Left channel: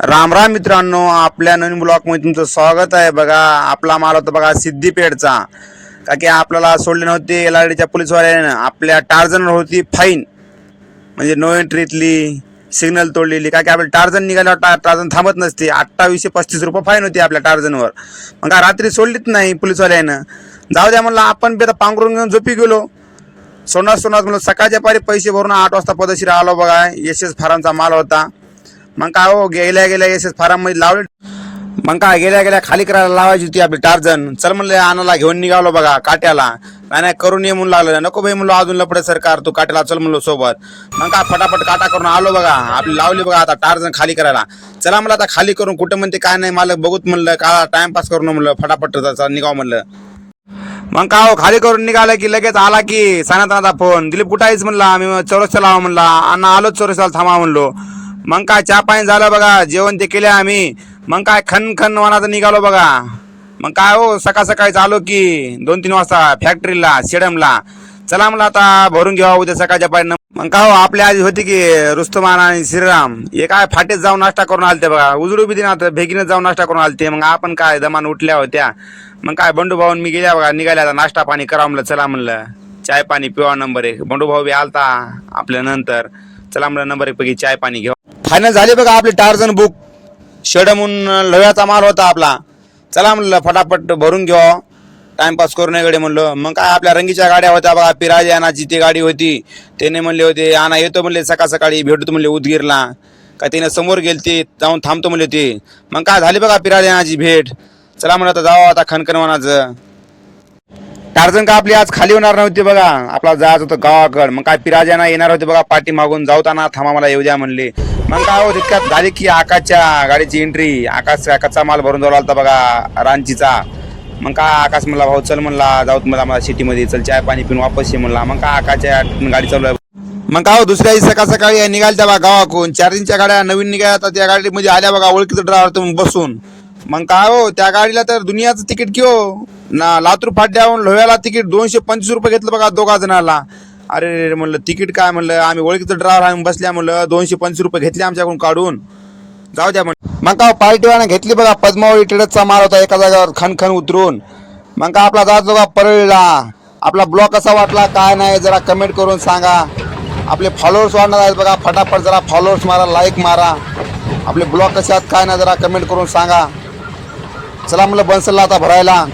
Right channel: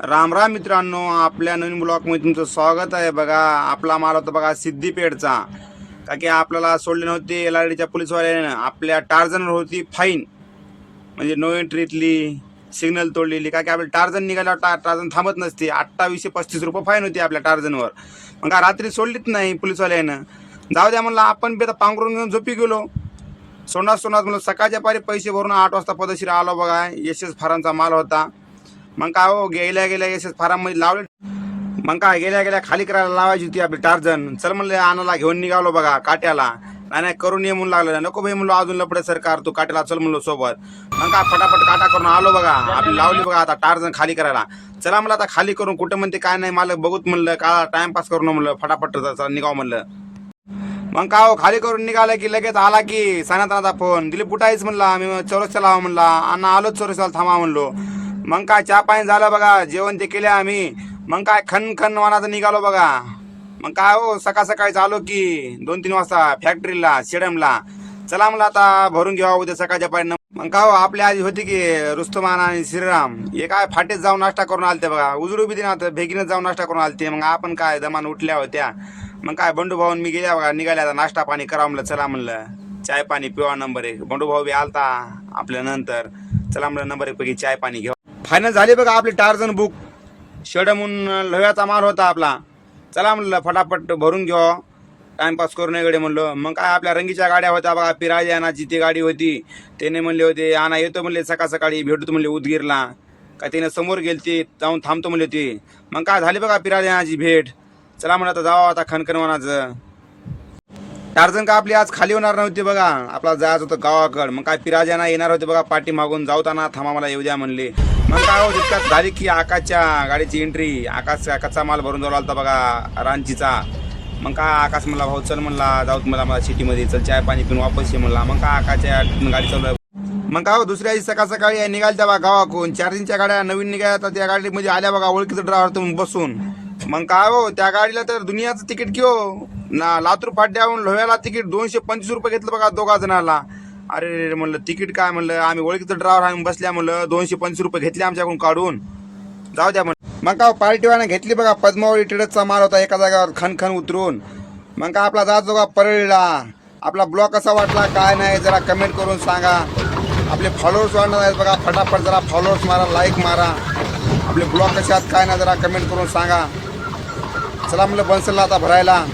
राम राम मित्रांनो, आपल्या नवीन ब्लॉगमध्ये तुमचं स्वागत आहे. बघा, आपला माल होता बघा सिद्दीपेठचा. का की आपल्याला सोडले नव्हते एलआरडीच्या पोलीसवाल्यानं. आपल्या टार्झनवर होती फाईन, म्हणजे नो एंट्रीतली सिग्नल तोडलेली. का की आपल्या टार्झन निघाल्यावर टार्झन थांबत नसते. 2835 रुपये फाईन होती आपल्या टार्झनवर. मग का रात्री सोडलीच नाही पोलीसवाल्यानं. जाऊ द्या म्हणलं, आपण बी आता पांघरून घेऊन झोपी गेलो. सोनार म्हणलं सकाळच्या पारी पैसे भरून 8 वाजता पदशीर आलो. बघा, एस फारांचा माल होता. मग काय हो, गेल्या एस फार्म मध्ये लावले. मग काय गेल्या खाली करायला लावायची होती आपली टार्झन. चल म्हणलं आणाला घेऊन निघालो बघा काट्याला. नाही करून ये म्हणून लागलं. नको भाई म्हणलो, अजून लपडे सरकार, तू काट्याला चल म्हणलो सोबत. मग काय फटाफट काटा करून आलो बघा. आपली लावली बघा आता टार्झन खाली करायला. चला म्हणलं आता खाली करून, कुठं म्हणते काय नाही मालक बघूत म्हणलं, का टाइमपास करून म्हणलं, फटाफट निघाव म्हणलं. मग का हो, खाली करून निघालं की लगेच आला की सनातनाचा फोन. दिलीप कुठं आहेस म्हणला. आम्ही चौरस्त्याला लावा म्हणला. अण्णा आलोच चौरस्त्याला थांबा म्हणलो. मग काय चहा पाणी झालं बघा, जेवण ते केले आम्ही. मग काय खन वनाचं निघालो बघा. मग काय हो, सकाळी आलो की 2-3 वाजता फॅक्टरीला शेडमला. चला म्हणलं आता भरून घ्यावा उद्या सकाळच्या पाणी. मग काय हो, आपल्या आधी होती की रुस्तमान आणि श्रीराम, हे काय फाटेत जाऊन नाश्ता करून आलते बघा. उजडू बी दिना भेगीने जाऊन नाश्ता करून आलते. मग आपण काय दमान उठल्या होत्या. मग काय बंडू भाऊन मी गेल्या बघा, निघाल्या आता नाश्ता पाणी करा म्हणलं. चला म्हणलं चाय पाणी पिवा नंबर 1. बंडू भाऊ बी आलता आपल्या नंतर. चला म्हणलं नंबर 1 पैकी चाय पाणी घेऊ. फायनल झाले बघा आपले टार्झन बुक. शेडमून लोह्याचा माल होता आपला. चला म्हणलं फटाफट भरून घ्या, टाइमपास करू नये गडे म्हणलं. मग काय आपल्या रंगीच्या गाड्या होत्या बघा. पिराजी आणाची ती गाडी होती. त्याने म्हणले होते आणा येतो म्हणले, सकाळी भेटतो म्हणले उदगीरला. का त्याने समोर गेलते, जाऊन थांबतो म्हणले ते. मग काय झाली बघा पिराजी आणाची भेट. चला म्हणलं आता जाऊ आता खनकनवनाचं. टार्झन का आपली आज खाली होणार नव्हती बघा. आपला जायचं होतं गावाकड. मग काय पिराजाना येणार होते बघा पाठी मागून. जाऊताना थांबा मला येऊ द्या म्हणले. मग काय हो, तितक्यात झाली की आकाशच्या गाडीची एंट्री. आकाश कच्चा माल भरून जाऊ लागला बघा रांचीचा. मग काय आकाश म्हणला, भाऊ चल म्हणला, जाऊत मला सिटीमध्ये, चल चाय पाणी पिऊन वापस ये म्हणला. मग काय आकाशच्या गाडी चालू आहे. मग काय हो, दुसऱ्या सकाळी निघाल्या बघा गावाकडून. 4-3च्या गाड्या नवीन निघाल्या. त्या गाडीमध्ये आल्या बघा ओळखीचं ड्रायव्हर तुम्ही बसून. मग काय हो, त्या गाडीला तर दुनियाचं तिकीट की हो ना. लातूर फाट्याहून लोह्याला तिकीट 225 रुपये घेतलं बघा 2 जणाला. अरे म्हणलं तिकीट काय म्हणलं, आम्ही ओळखीचं ड्रायव्हर आम्ही बसल्या म्हणलं, 225 रुपये घेतले आमच्याकडून काढून. जाऊ द्या म्हणलं. मग का पार्टीवाने घेतली बघा. पद्मावती ट्रेडर्सचा माल होता एका जागेवर खन उतरून. मग का आपला जात बघा परळीला. आपला ब्लॉग कसा वाटला काय नाही जरा कमेंट करून सांगा. आपले फॉलोअर्स वाढणार आहेत बघा. फटाफट जरा फॉलोअर्स मारा, लाईक मारा. आपले ब्लॉग कसे आहेत काय नाही जरा कमेंट करून सांगा. चला म्हणलं बनसलला आता भरायला.